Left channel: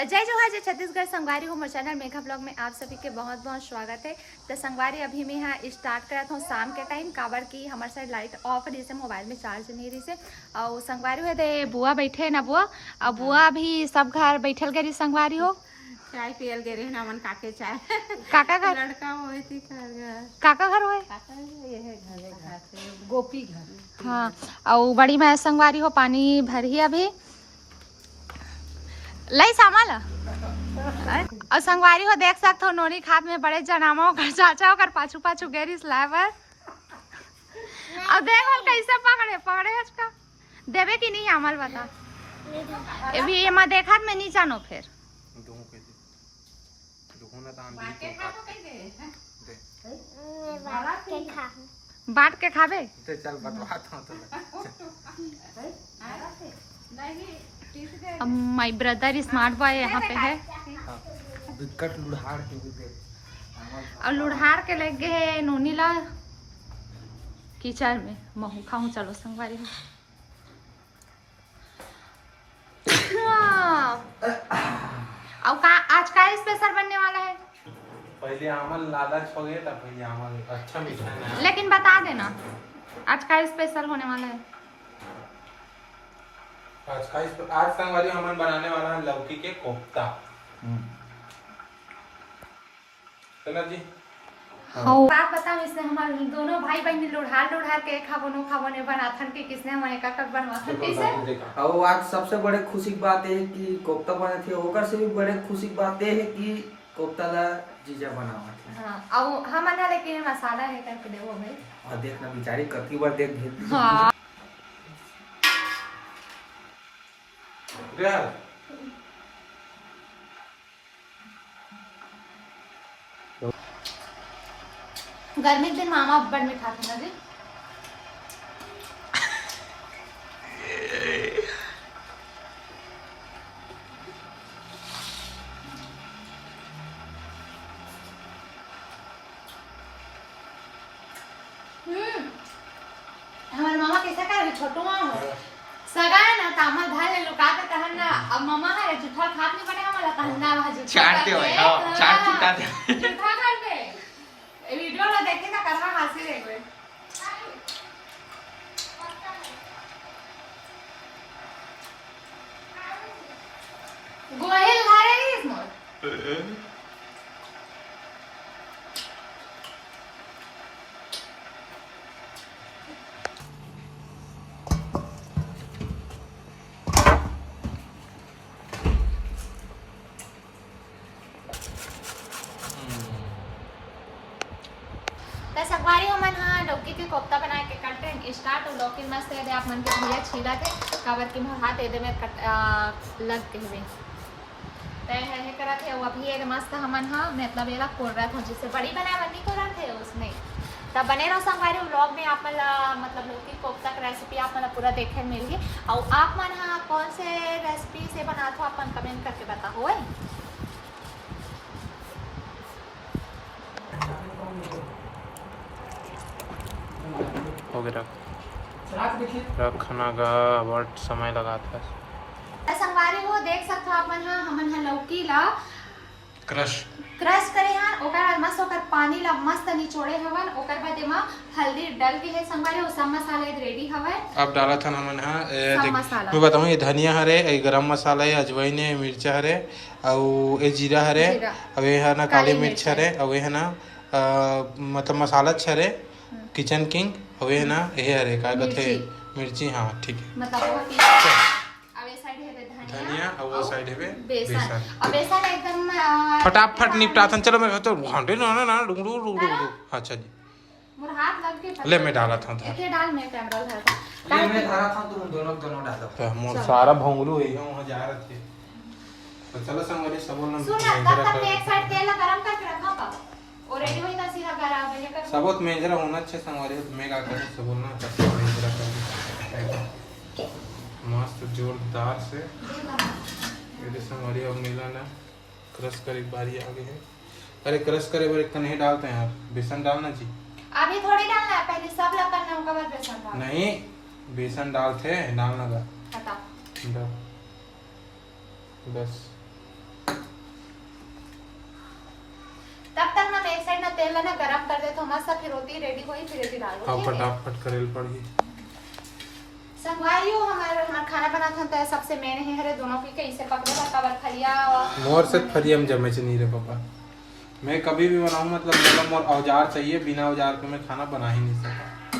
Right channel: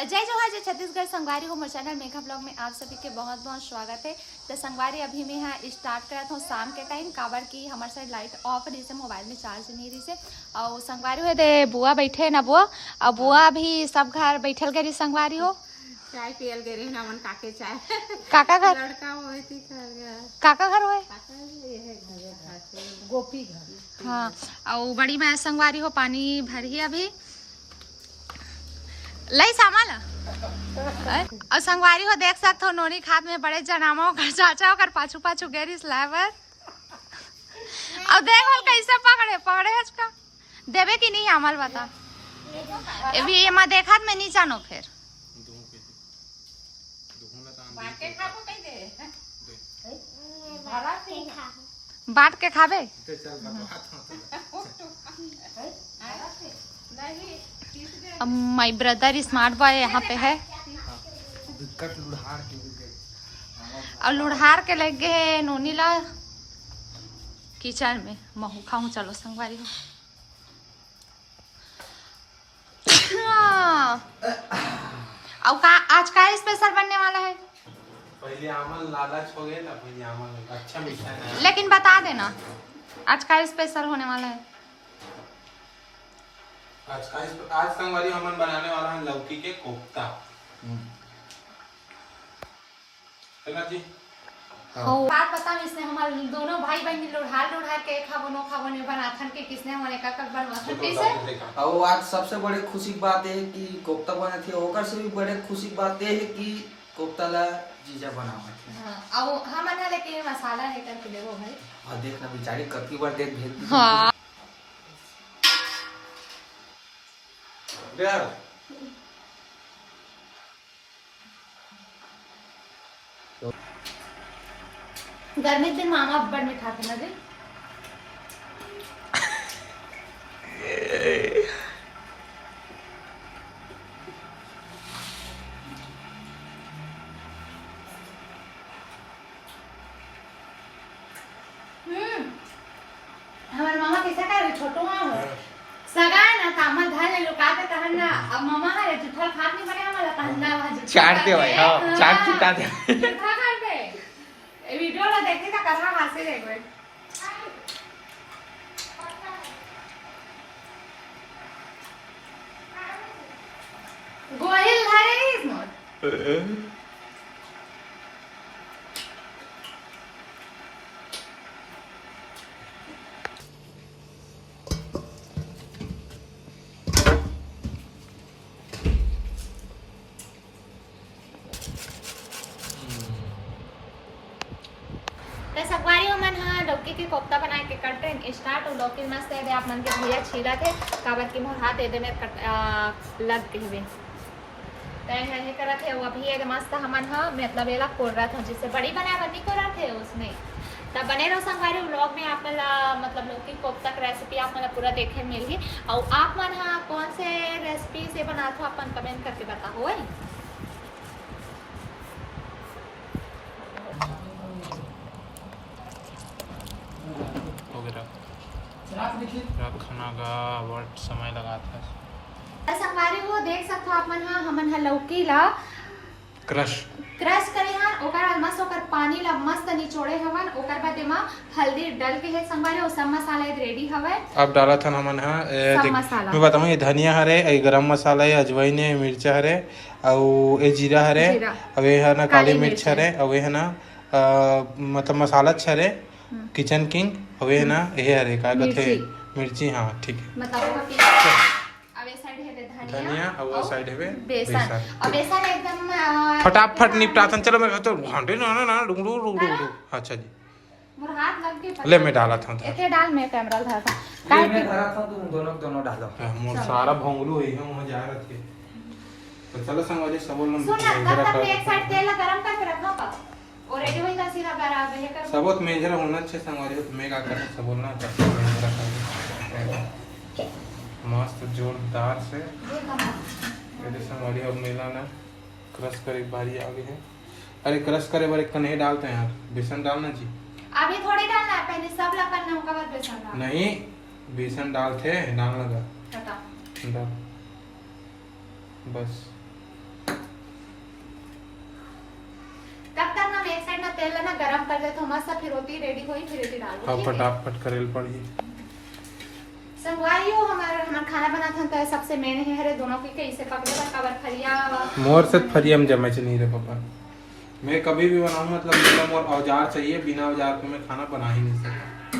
जय जोहार जय छत्तीसगढ़। संगवारी हो मोर चैनल मेघा ब्लॉग में आप सभी के बहुत बहुत स्वागत है। तो संगवारी अभी मैं यहाँ स्टार्ट करत हूँ शाम के टाइम, काबर की हमारे साइड लाइट ऑफ रही से, मोबाइल में चार्ज नहीं रही से। और संगवारी है दे बुआ बैठे है ना बुआ, और बुआ भी सब घर बैठल गई संगवारी हो, चाय पियल गए रहे मन काके चाय काका घर लड़का होए थी घर काका घर होए काका ये है घर गोपी घर। हाँ, और बड़ी मैं संगवारी हो पानी भरी अभी लई सामाल और संगवारी हो देख सकते हो नोनी खाद में बड़े जनामा होकर चाचा होकर पाछू पाछू गेरी स्लाइवर। अब देखो कैसे पकड़े पकड़े है इसका देवे कि नहीं अमल बता अभी ये मैं देखा मैं नहीं जानो फिर बांट के खावे माय ब्रदर स्मार्ट बॉय यहाँ पे है और लुढ़ार के लग गए नोनी ला किचन में महू खाऊं। चलो संगवारी हो और का आज का स्पेशल बनने वाला है? पहले आमल लालच हो गए था, पहले आमल अच्छा मीठा है, लेकिन बता देना आज का स्पेशल होने वाला है। आज संगवारी हमन बनाने वाला है लौकी के कोफ्ता। चला जी बात बताओ, इसने हमारे दोनों भाई बहन लुढ़ार के खाबो ने बनाथन के किसने हमारे काका बनवाथन कैसे। और आज सबसे बड़े खुशी की बात है कि कोफ्ता बने थे, होकर से भी बड़े खुशी की बात है कि कोफ्ता ला जीजा बनावा थे। हां और हम ना लेकिन मसाला नहीं करके देबो भाई। और देखना बेचारी कतनी बार देख भेज। हां यार गर्मी के दिन मामा बड़ मीठा थे मजे। हमारे मामा कैसा करे छोटो मामा हो सगा ना तामा धान ले लुका के कहन ना अब मामा है जुठल खात नहीं बने हमारा कहन ना वहां चाटते भाई। हां चाट चिता दे जुठा खाते ए वीडियो ला देखे ना करवा हासे रे कोई गोहिल घरे इस मोर संगवारी हो मन हाँ लौकी के कोफ्ता बनाए के करते हैं स्टार्ट। और लौकी मस्त है आप मन के भैया छीला थे काबर की मोर हाथ एदे में लग के हुए तय नहीं करा थे वो अभी ये मस्त हमन हाँ मतलब एला कोल रहा था जिससे बड़ी बनाए बनी को रहा थे उसमें तब बने रहो संगवारी व्लॉग में। आप मतलब लौकी कोफ्ता का रेसिपी आप मतलब पूरा देखे मिल गई। और आप मन हाँ कौन से रेसिपी से बना था अपन कमेंट करके बताओ है। रखना का बहुत समय लगा था। संगवारी हो देख सकते हो आप मन हाँ हमन हाँ लौकी ला क्रश करे हाँ ओकर बाद मस्त ओकर पानी ला मस्त निचोड़े हवन। ओकर बाद एमा हल्दी डाल के है संगवारी और सब मसाला रेडी हवे। अब डाला था हमन हां मसाला मैं बताऊं ये धनिया हरे, ये गरम मसाला है, अजवाइन है, मिर्चा हरे और ये जीरा हरे, अब ये है ना काली मिर्च हरे, अब ये है ना मतलब मसाला हरे किचन किंग, अब ये है ना ये हरे का कहते मिर्ची। हां ठीक है मतलब धनिया और वो साइड है बेसन। अब बेसन एकदम फटाफट निपटाथन। चलो मैं तो घंटे ना डुडू। अच्छा जी मोर हाथ लग के ले मैं डाला था एके डाल मैं कैमरा धरा था ये मैं धरा था तुम दोनों डालो। मोर सारा भोंगलू है वहां जा रहे थे। तो चलो संगवारी सब बोलना सुन ना तब एक साइड तेल गरम करके रखो का और रेडी होई ना सीरा गरम है कर सबोत मेजरा होना अच्छे संगवारी तो मैं का कर सब बोलना मेजरा कर मस्त जोरदार से ये संगवारी अब मिलाना क्रश करे बारी आ गई है। अरे क्रश करे बार एक नहीं डालते हैं यार, बेसन डालना जी अभी थोड़ी डालना है, पहले सब ला करना होगा बाद बेसन डालना। नहीं बेसन डालते डाल लगा हटा डाल बस तेल है ना गरम कर दे तो मस्त फिर रोटी रेडी हुई फिर रोटी डालो अब ठीक है? फटाफट करेल पड़ी। संगवारी हो हमारा खाना बना था तो सबसे मेन है हरे दोनों की इसे पकड़े का कवर फरिया मोर से फरिया में जमे नहीं रे पापा। मैं कभी भी बनाऊं मतलब मेरा मोर औजार चाहिए, बिना औजार के मैं खाना बना ही नहीं सकता।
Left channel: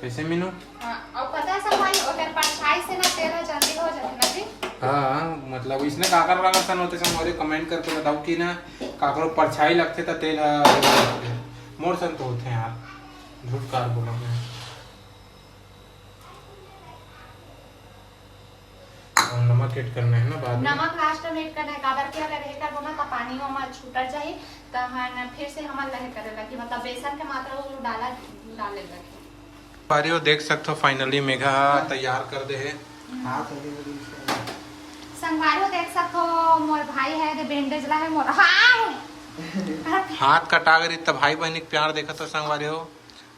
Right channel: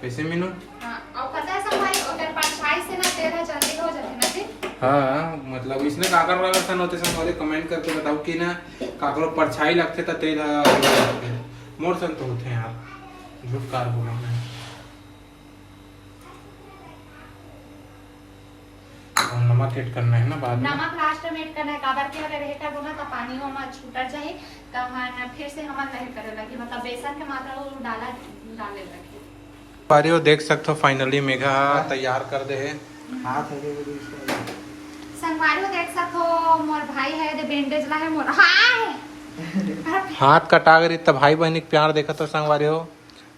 कैसे मीनू? हाँ और पता है संगवारी अगर परछाई से ना तेल जल्दी हो जाते ना जी। हाँ मतलब इसने काकर वाला सन होते सन मोरे कमेंट करके बताओ कि ना काकरो परछाई लगते तो तेल लगते मोर सन तो होते हैं यार, झूठ कार बोला मैं। और नमक ऐड करना है ना बाद में। नमक लास्ट में ऐड करना है काबर के अगर ये कर बोना तो पानी हो मत छूटर जाए तो हम फिर से हम नहीं करे लगी मतलब बेसन के मात्रा वो डाले लगे। पारियो देख सकते हो फाइनली मेघा तैयार कर दे है। हाथ आगे बढ़ी इसका। संगवारी देख सकते हो मोर भाई है दे बैंडेज ला है मोर हाय हाथ कटा गई तब भाई बहन के प्यार देखा तो संगवारी हो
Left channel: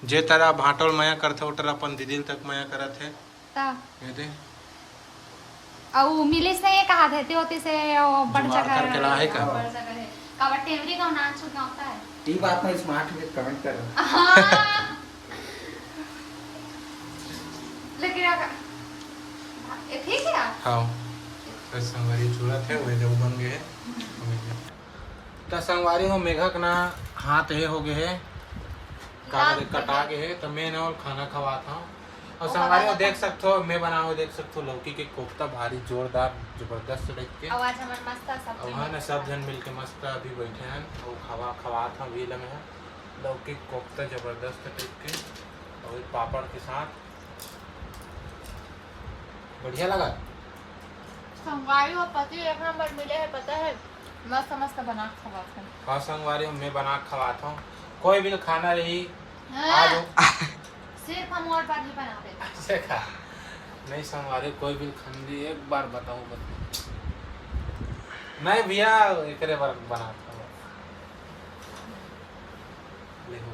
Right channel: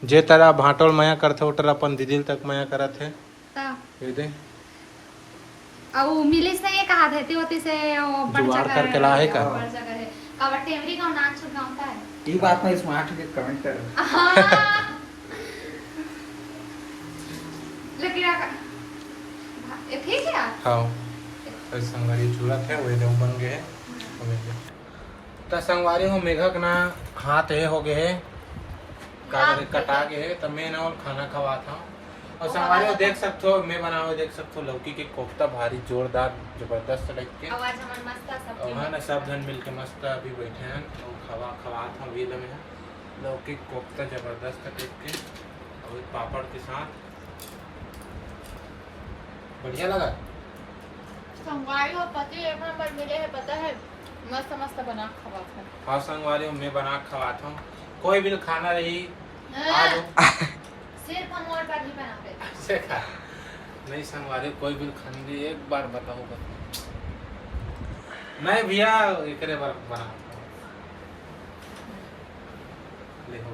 जे तरह भाटोल माया करते उटर अपन दीदी तक माया करत है ये दे और मिलिस नहीं है कहा देते होती से जुगाड़ करके ला है का काबर टेमरी का नाच गाता है ये बात ना स्मार्ट है कमेंट कर। हाँ। लेकिन ठीक है हाँ संगवारी चूड़ा थे वही देव बन गए तो संगवारी हो मेघा का ना हाथ ये हो गए है काबर कटा के है तो मैं ना और खाना खवा था और संगवारी हो देख सकते हो मैं बना हुआ देख सकते हो लौकी के कोफ्ता भारी जोरदार जबरदस्त टाइप के आवाज हमार मस्त सब और है ना सब जन मिल के मस्त अभी बैठे हैं और खवा था व्हील में लौकी कोफ्ता जबरदस्त टाइप के और पापड़ के साथ बढ़िया लगा। संगवारी और पति एक नंबर मिले है पता है मस्त मस्त बना खवा था। हाँ संगवारी मैं बना खवाता हूँ कोई भी खाना रही आ जाओ सिर्फ हम और पर ही बनाते हैं। ऐसे खा नहीं संगवारी कोई भी खाने एक बार बताऊंगा नहीं भैया एक बार बनाता हूँ ले हो